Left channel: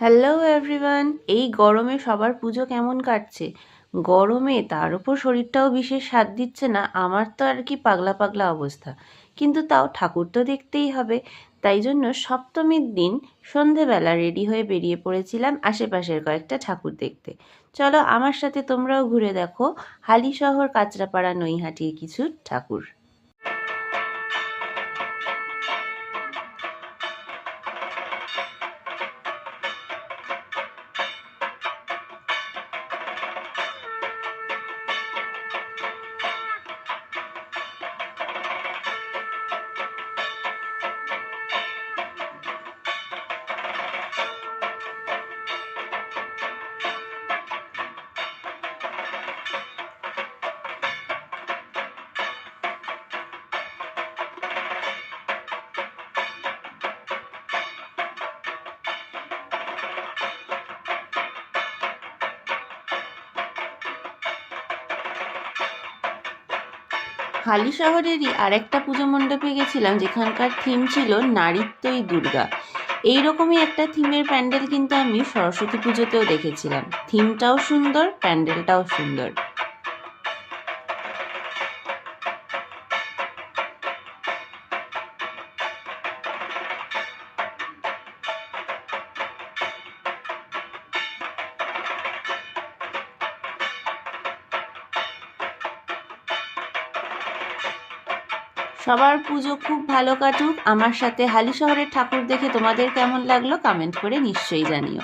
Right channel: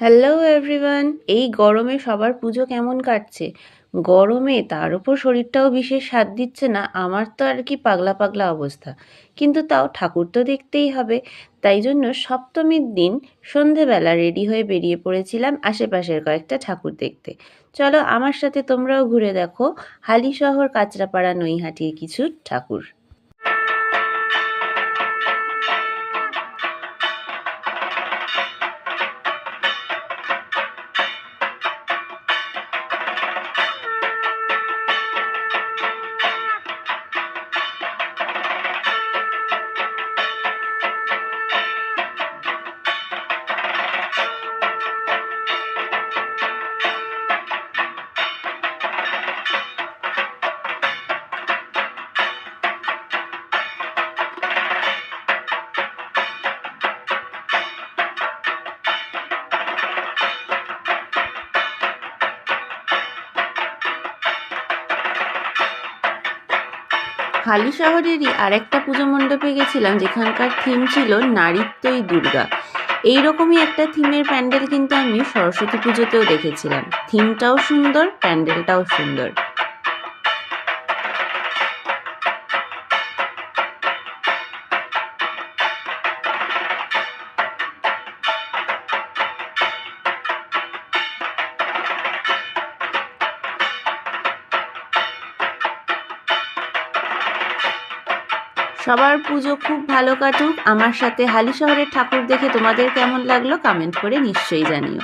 Hello everyone. এই গরমে সবার পুজো কেমন কাটছে? গরমে তার উপর শরীরটাও বিশেষ সাথ দিচ্ছে না। আমার তো আর কি পাগলা পাগলা অবস্থা, কিন্তু তাও ঠাকুর তো দেখতেই হবে। তাই জন্য সপ্তমীর দিন সন্ধেবেলা রেডি হয়ে বেরিয়ে পড়েছিলাম আশেপাশের কয়েকটা ঠাকুর দেখতে। চলো আমার সাথে তোমরাও ঘুরে দেখো হালিশহর কাঁচরাপাড়া নৈহাটির কিছু ঠাকুর। হালিশহরেরই আরেকটা পুজো মণ্ডপে গেছিলাম, যেখানকার থিম ছিল নারীত্বই দুর্গা। এইরকমই একটা থিমের প্যান্ডেল কিন্তু আমি সরস্বতী পুজোতেও দেখেছিলাম। থিমটাও সুন্দর, প্যান্ডেলটাও সুন্দর। সবার পুজো খুব ভালো কাটুক। আমার সাথে হালিশহরের ঠাকুর দেখে তোমাদের কেমন লাগলো কমেন্ট করে নিশ্চয়ই জানিও।